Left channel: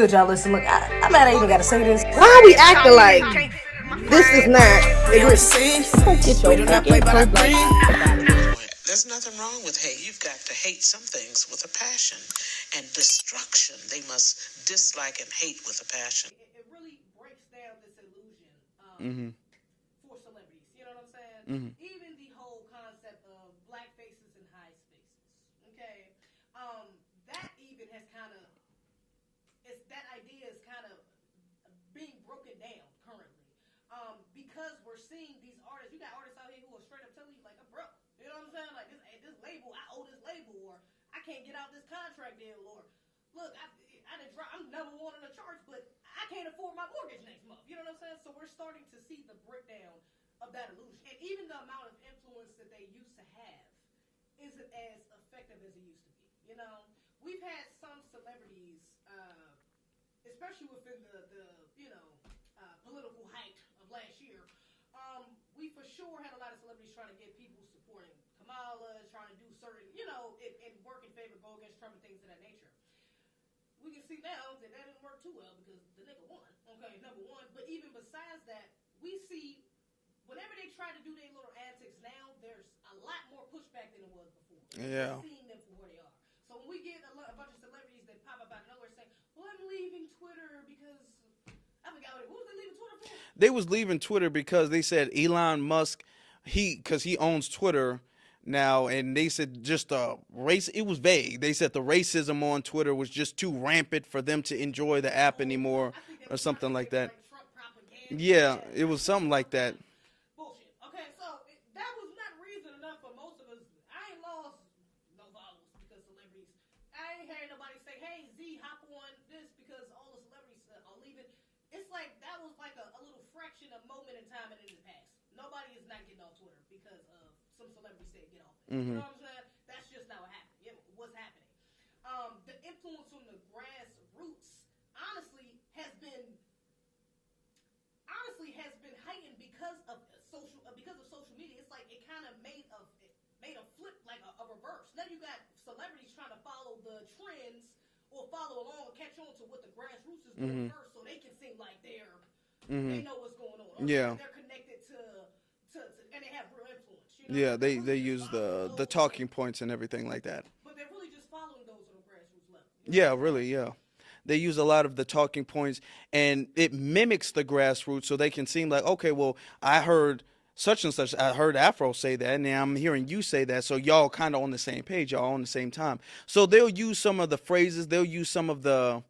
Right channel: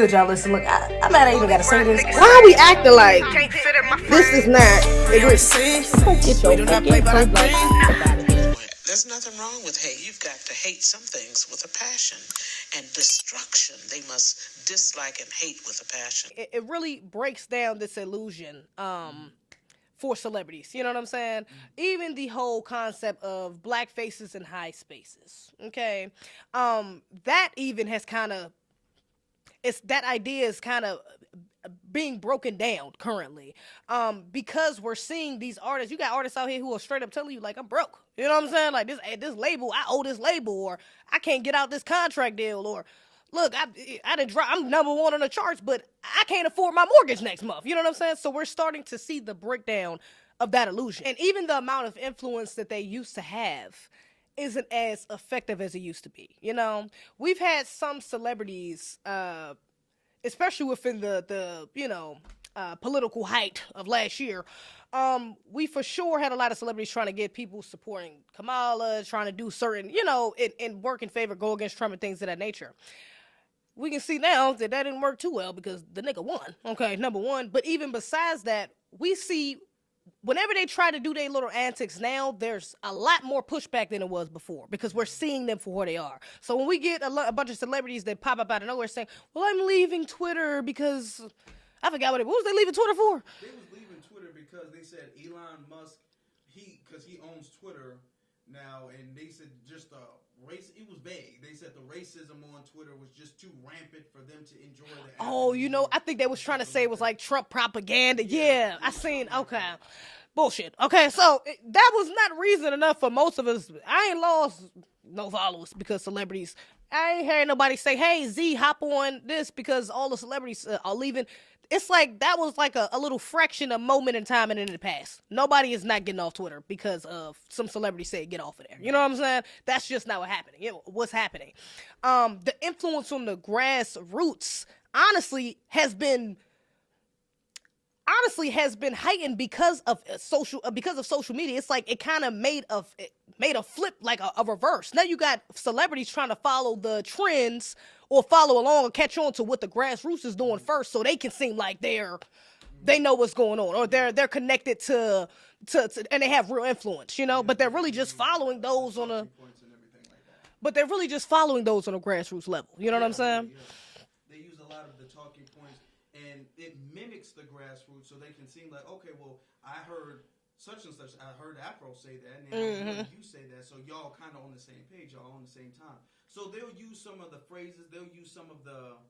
good, y'all? Listen, look, I'm mad I even gotta say this. Why are we acting like this is not Don't get your fucking coat like There's nothing wrong with hate. You've got to hate some things with a passion. And destruction, they must dislike and hate with a passion. It really breaks down this illusion for celebrities. You know what I'm saying? Even the whole concept of black faces in high spaces. Okay? That even has kind of... that idea is kind of being broken down currently because we're seeing these artists. You got artists out here who are straight up telling you, like, I'm broke. You know what I'm saying? Like, this label, I owe this label, or I can't get out this contract deal, or look, I'm number one on the charts, but I can't afford my mortgage next month. You know what I'm saying? So we're starting to see the breakdown of that illusion. And even the amount of influence that they used to have isn't as effective as it used to be. You know, we've had some celebrities, especially within the political height of last year, we for sure had a lot of celebrities trying to get people supporting Kamala, trying to do certain, in work in favor, go against Trump and things of that nature. We can see now that didn't work too well because the nigga won, okay, number one. But even besides that, we see whenever they try to do their little antics now, there's a lot more pushback than it was before because we're seeing them for who they are. So when we get a bunch of celebrities that pop up out of nowhere saying, well, I'm leaving Twitter because... I forgot what was they leaving Twitter for? They was leaving Twitter because they said Elon Musk, because he owns Twitter now, and they said just race. It was vague. They said the racism on Twitter was just too rampant for them to enjoy the app anymore. I think they was trying to say it was like Trump propaganda. Yeah, it was something like that. Bullshit. Okay, so that was not reason enough for most of us. I ain't lost no followers because celebrities. I ain't hearing nobody say, hey, Z, hop on this because all the celebrities are leaving. It's like that was like a little fraction of moment in time and in the past. Nobody is not getting off Twitter because of some celebrity said get off of there. You know what I'm saying? That's just not what's happening. The influence on the grassroots honestly has been heightened because of social media. It's like it kind of made a flip, like a reverse. Now you got celebrities trying to follow the trends or follow along or catch on to what the grassroots is doing first, so they can seem like they know what's going on, or they're connected to and they have real influence, but they're really just following those the talking points and everything like that. But they're really just following those on a grassroots level. You know what I'm saying? Really, yeah. They use a lot of the talking points, and it mimics the grassroots, so they can seem like, okay, well, I heard such and such. I heard Afro say that, and now I'm hearing you say that. So y'all kind of on the same page. Y'all on the same time. So they'll use some of the phrases. They'll use some of the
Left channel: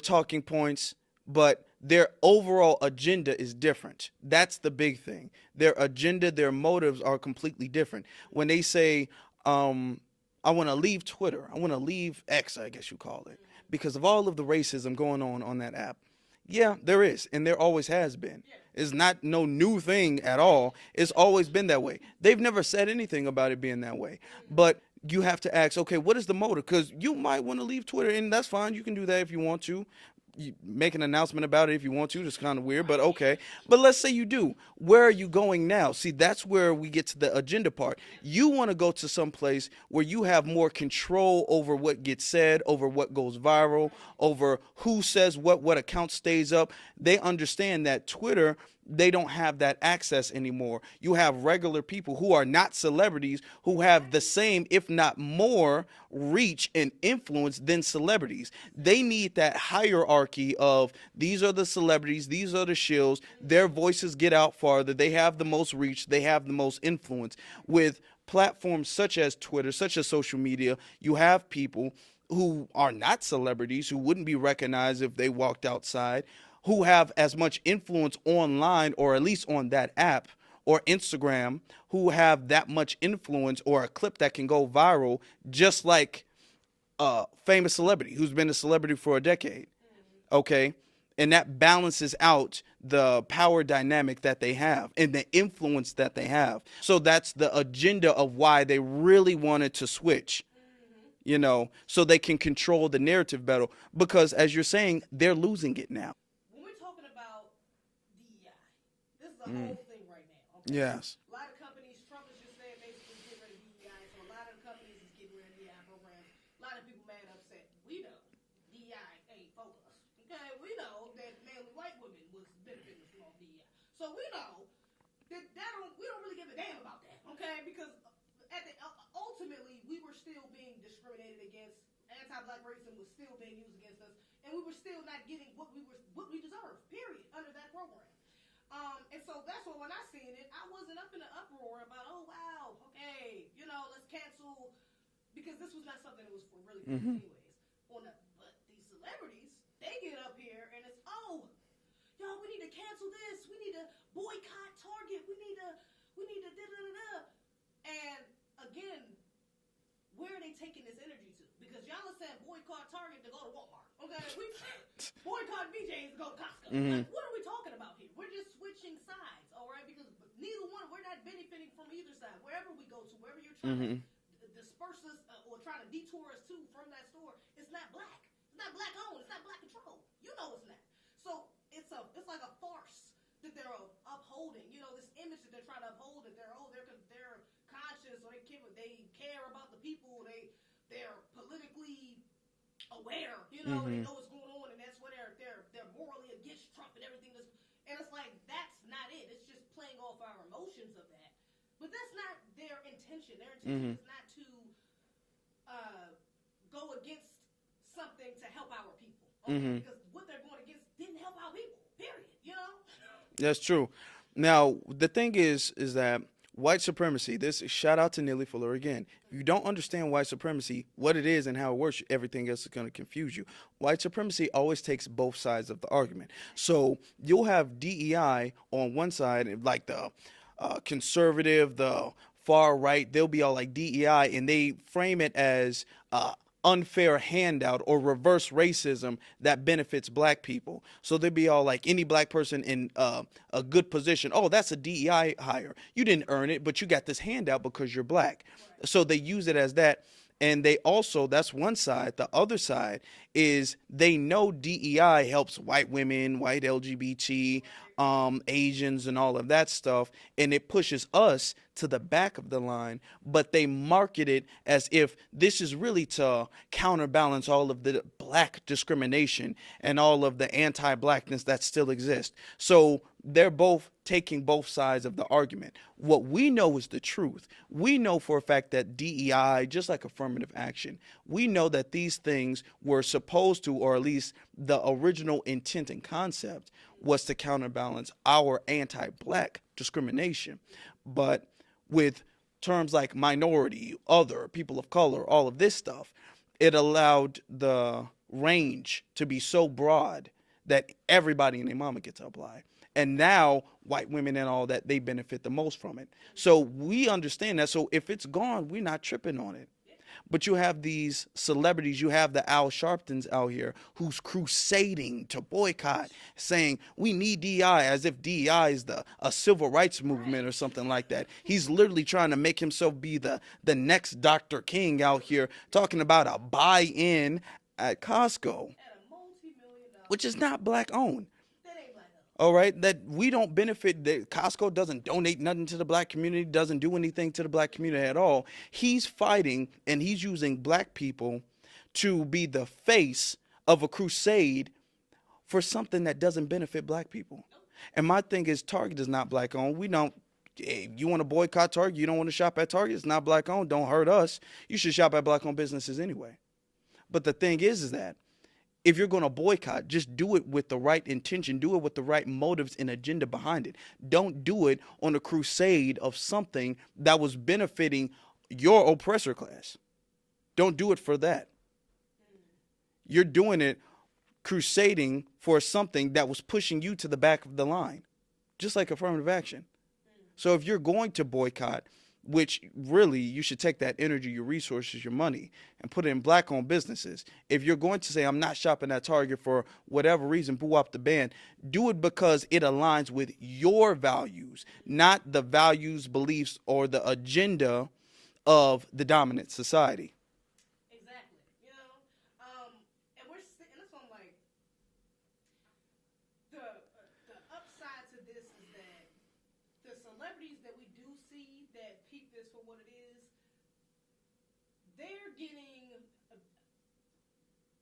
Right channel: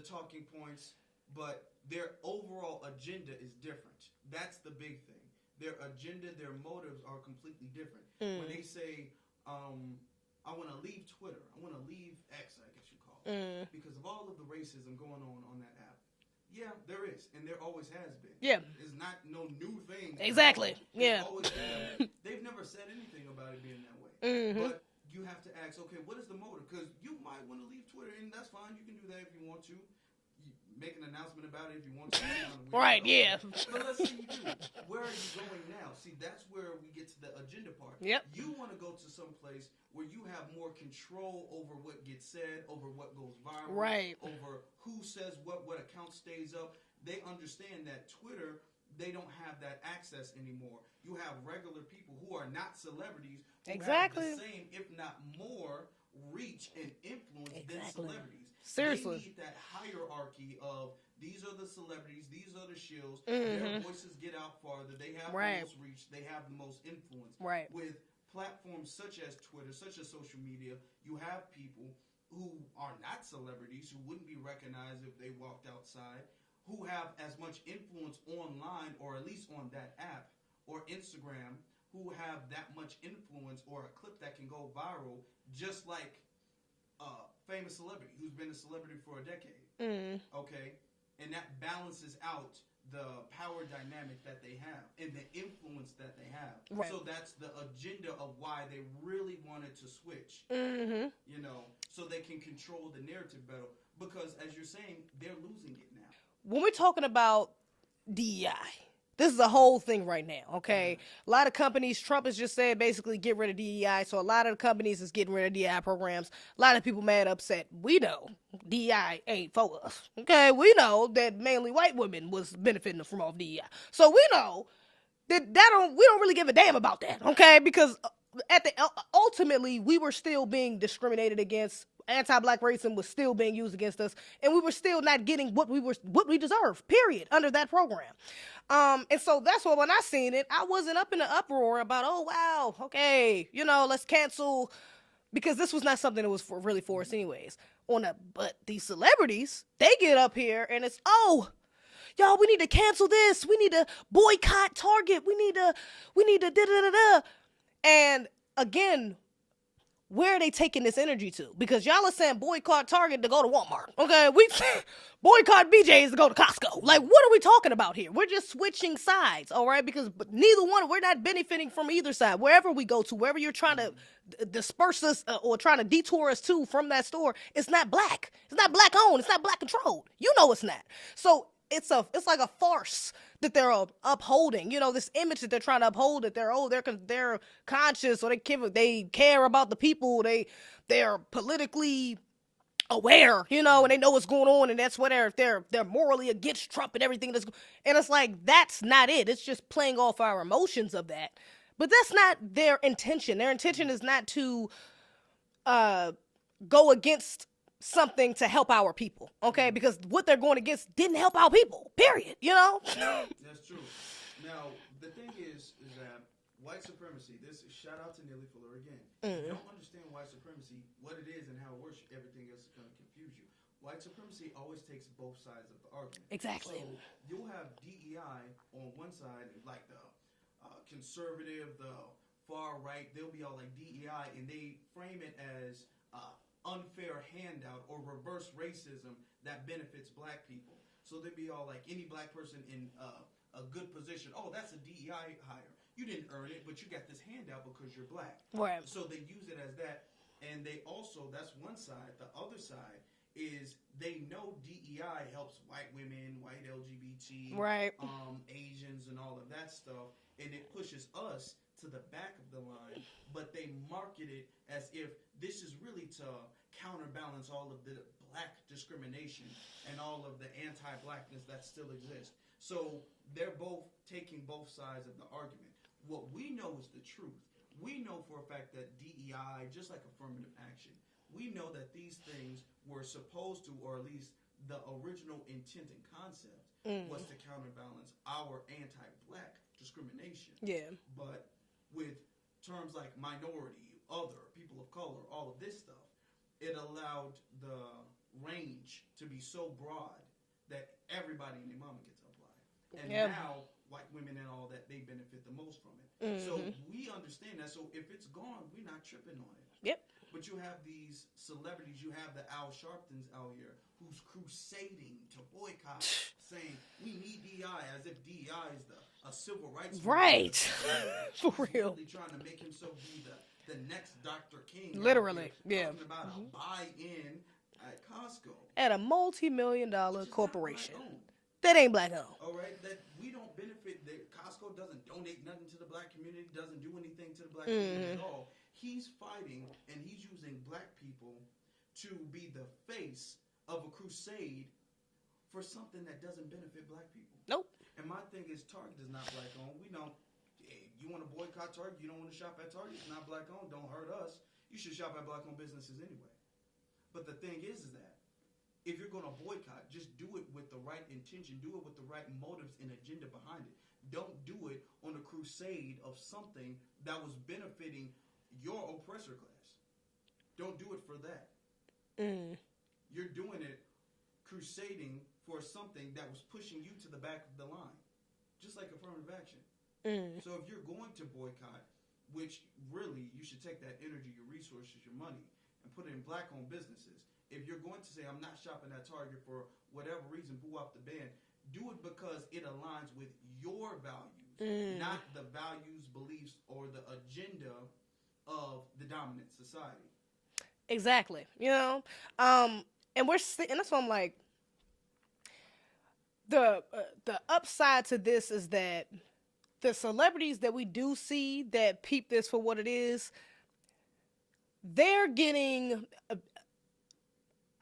talking points, but their overall agenda is different. That's the big thing. Their agenda, their motives are completely different. When they say, I want to leave Twitter. I want to leave X, I guess you call it, because of all of the racism going on that app. Yeah, there is, and there always has been. Yeah. It's not no new thing at all. It's always been that way. They've never said anything about it being that way. But you have to ask, okay, what is the motive? Because you might want to leave Twitter, and that's fine. You can do that if you want to. You make an announcement about it if you want to. It's kind of weird, but okay. But let's say you do. Where are you going now? See, that's where we get to the agenda part. You want to go to some place where you have more control over what gets said, over what goes viral, over who says what account stays up. They understand that Twitter, they don't have that access anymore. You have regular people who are not celebrities who have the same, if not more, reach and influence than celebrities. Seriously. They need that hierarchy of these are the celebrities, these are the shills, their voices get out farther, they have the most reach, they have the most influence. With platforms such as Twitter, such as social media, you have people who are not celebrities, who wouldn't be recognized if they walked outside, who have as much influence online, or at least on that app or Instagram, who have that much influence, or a clip that can go viral, just like a famous celebrity who's been a celebrity for a decade. Okay? And that balances out the power dynamic that they have and the influence that they have. So that's the agenda of why they really wanted to switch, so they can control the narrative better. Because as you're saying, they're losing it now. When we're talking about DEI, This is a whole thing right now, okay? Yes. A lot of companies, Trump has just said basically get rid of DEI, so a lot of the companies is getting rid of DEI programs. A lot of people mad, upset. We know DEI ain't for us, okay? We know that mainly white women was benefiting from all DEI. So we know that we don't really give a damn about that, okay? Because ultimately, we were still being discriminated against. Anti-black racism was still being used against us, and we were still not getting what we deserved, period, under that program. And so that's why when I seen it, I wasn't up in the uproar about, oh, wow, okay, let's cancel, because this was not something that was really for us anyways. But these celebrities, they get up here and it's, oh, y'all, we need to cancel this. We need to boycott Target. We need to da-da-da-da. And again, where are they taking this energy to? Because y'all are saying boycott Target to go to Walmart. Okay, we boycott BJ's to go to Costco. Like, what are we talking about here? We're just switching sides, all right? Because neither one, we're not benefiting from either side. Wherever we go to, wherever you're trying to disperse us or trying to detour us to from that store, it's not black. It's not black owned. It's not black controlled. You know it's not. So it's like a farce that they're upholding, this image that they're trying to uphold, that they're conscious, or they care about the people, they're politically aware, and they know what's going on, and that's what they're morally against Trump and everything and it's like, that's not it. It's just playing off our emotions of that, but that's not their intention. Their intention is not to go against something to help our people, okay? Because what they're going against didn't help our people, period, That's true. Now, the thing is that white supremacy, shout out to Neely Fuller again. You don't understand white supremacy, what it is and how it works, everything else is going to confuse you. White supremacy always takes both sides of the argument. Exactly. So you'll have DEI on one side, like the conservative, the far right, they'll be all like DEI, and they frame it as unfair handout or reverse racism that benefits black people. So they'd be all like, any black person in a good position, oh, that's a DEI hire. You didn't earn it, but you got this handout because you're black. Right. So they use it as that. And they also, that's one side. The other side is they know DEI helps white women, white LGBT, right, Asians and all of that stuff. And it pushes us to the back of the line, but they market it as if this is really to counterbalance all of the black discrimination and all of the anti-blackness that still exists. So they're both taking both sides of the argument. What we know is the truth. We know for a fact that DEI, just like affirmative action, we know that these things were supposed to, or at least the original intent and concept was to counterbalance our anti-black discrimination. Yeah. But with terms like minority, other, people of color, all of this stuff, it allowed the range to be so broad that everybody and their mama gets to apply. And now white women and all that, they benefit the most from it. So we understand that. So if it's gone, we're not tripping on it. Yep. But you have these celebrities, you have the Al Sharptons out here who's crusading to boycott, saying we need DEI, as if DEI is a civil rights movement or something like that. He's literally trying to make himself be the next Dr. King out here, talking about a buy-in at Costco. At a multi-million-dollar which is not black owned. That ain't black owned. All right, that we don't benefit. That Costco doesn't donate nothing to the black community, doesn't do anything to the black community at all. He's fighting and he's using black people to be the face of a crusade for something that doesn't benefit black people. Nope. And my thing is, Target is not black owned. We don't. You want to boycott Target? You don't want to shop at Target? It's not black owned. Don't hurt us. You should shop at black owned businesses anyway. But the thing is that if you're going to boycott, just do it with the right intention. Do it with the right motives and agenda behind it. Don't do it on a crusade of something that was benefiting your oppressor class. Don't do it for that. You're doing it crusading for something that was pushing you to the back of the line, just like affirmative action. So if you're going to boycott, which really you should take that energy, your resources, your money, and put it in black-owned businesses. If you're going to say, I'm not shopping at Target for whatever reason, boo up the band, do it because it aligns with your values, not the values, beliefs, or the agenda of the dominant society. Exactly. And that's why I'm like, the upside to this is that the celebrities that we do see that peep this for what it is, they're getting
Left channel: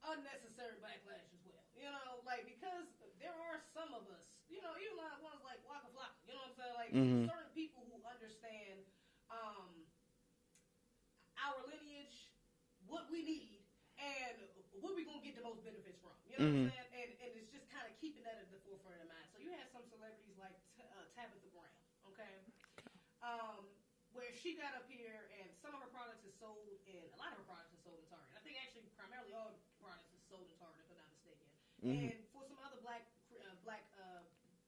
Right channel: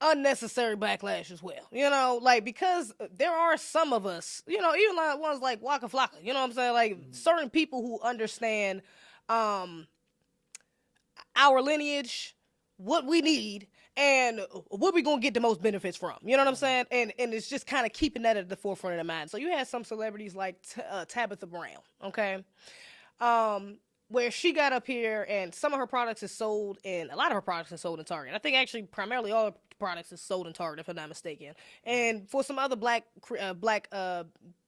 unnecessary backlash as well. You know, like, because there are some of us, you know, even like ones like Waka Flocka, you know what I'm saying? Like, certain people who understand our lineage, what we need, and what we gonna get the most benefits from. You know what I'm saying? And it's just kind of keeping that at the forefront of the mind. So you had some celebrities like Tabitha Brown, okay? Where she got up here and some of her products is sold, and a lot of her products is sold in Target. I think actually primarily all her products is sold in Target, if I'm not mistaken. And for some other black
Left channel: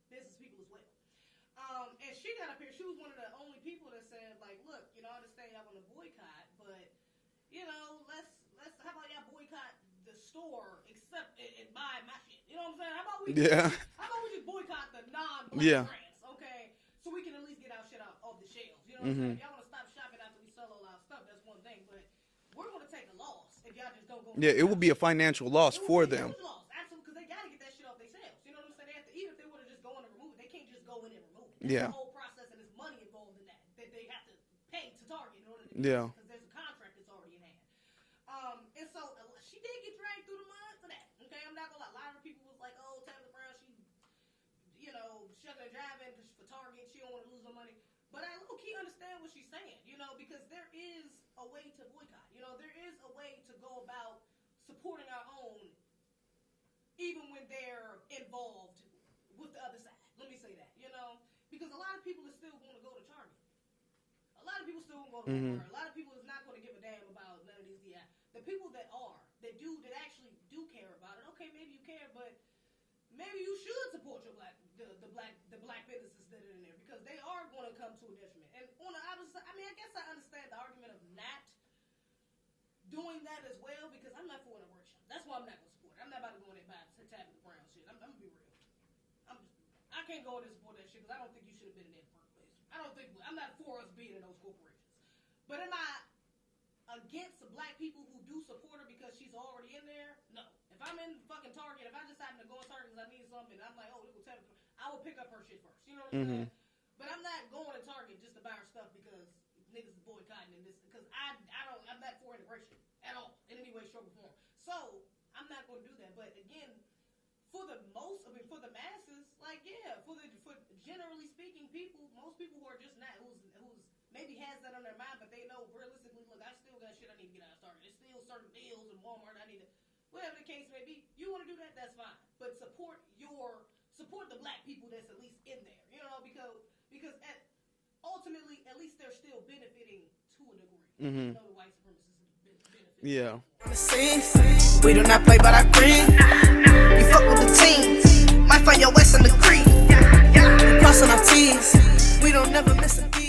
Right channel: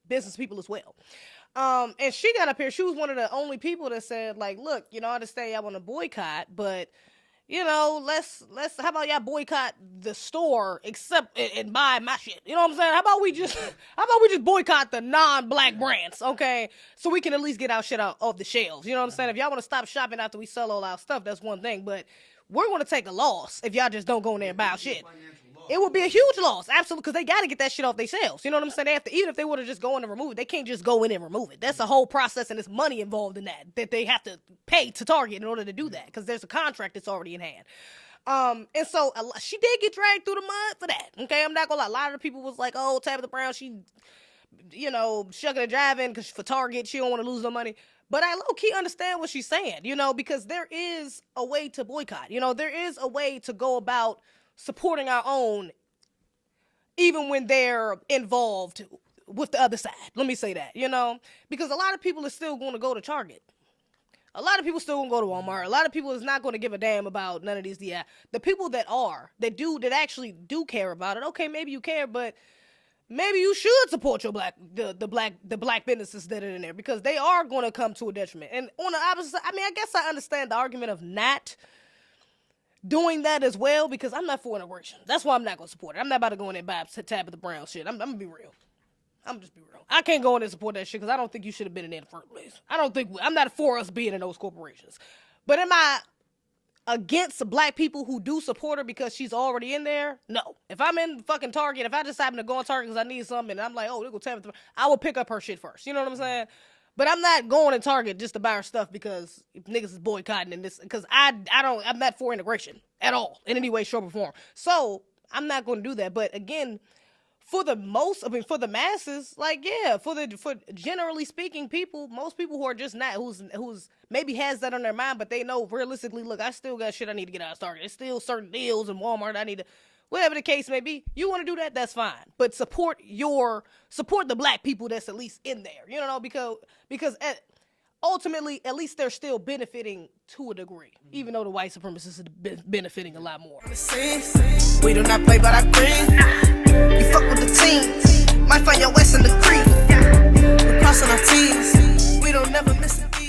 business people as well. And she got up here, she was one of the only people that said, like, look, you know, I understand y'all want to boycott, but, you know, let's how about y'all boycott the store except and buy my shit? You know what I'm saying? How about we just boycott the non-black brands, okay? So we can at least get our shit out of the shelves. You know what I'm saying? If y'all want to stop shopping after we sell all our stuff, that's one thing, but we're going to take a loss if y'all just don't go in there and buy it would be shit. a financial loss. It would be a huge loss, absolutely, because they got to get that shit off themselves. You know what I'm saying? They have to, even if they would have just go in and remove it, they can't just go in and remove it. That's a whole process, and there's money involved in that they have to pay to Target in order to do that, because there's a contract that's already in hand. And so she did get dragged through the mud for that. Okay, I'm not gonna lie. A lot of the people was like, "Oh, Tabitha Brown, she, you know, shucking and jiving because for Target, she don't want to lose no money." But I low-key understand what she's saying, you know, because there is a way to boycott. You know, there is a way to go about supporting our own, even when they're involved with the other side. Let me say that, you know, because a lot of people are still going to go to Target. A lot of people still gonna go to Walmart. A lot of people is not going to give a damn about none of these. The people that actually do care about it. Okay, maybe you care, but maybe you should support your the black businesses that are in there, because they are going to come to a detriment. And on the opposite side, I mean, I guess I understand the argument of not doing that as well, because I'm not for integration. That's why I'm not going to support it. I'm not about to go in there and buy Tabitha Brown shit. I'm going to be real. I'm just be real. I can't go in there and support that shit because I don't think you should have been in there in the first place. I'm not for us being in those corporations. But am I against black people who do support her because she's already in there? No. If I'm in fucking Target, if I just happen to go on Target because I need something and I'm like, oh, they go Tabitha, I will pick up her shit first. You know what I'm saying? But I'm not going to Target just to buy her stuff because niggas is boycotting and this, because I'm not for integration at all in any way, shape, or form. So I'm not going to do that. But again, for the masses, like, yeah, for generally speaking, most people who are just not, who's maybe has that on their mind, but they know realistically, look, I still got shit I need to get out of Target. There's still certain deals in Walmart I need to, whatever the case may be. You want to do that, that's fine. But support the black people that's at least in there, you know, because ultimately, at least they're still benefiting to a degree, even though the white supremacists are benefiting a lot more. We do not play by our green. You fuck with the team, might find your West in the creek. We crossing our T's, we don't never miss a beat.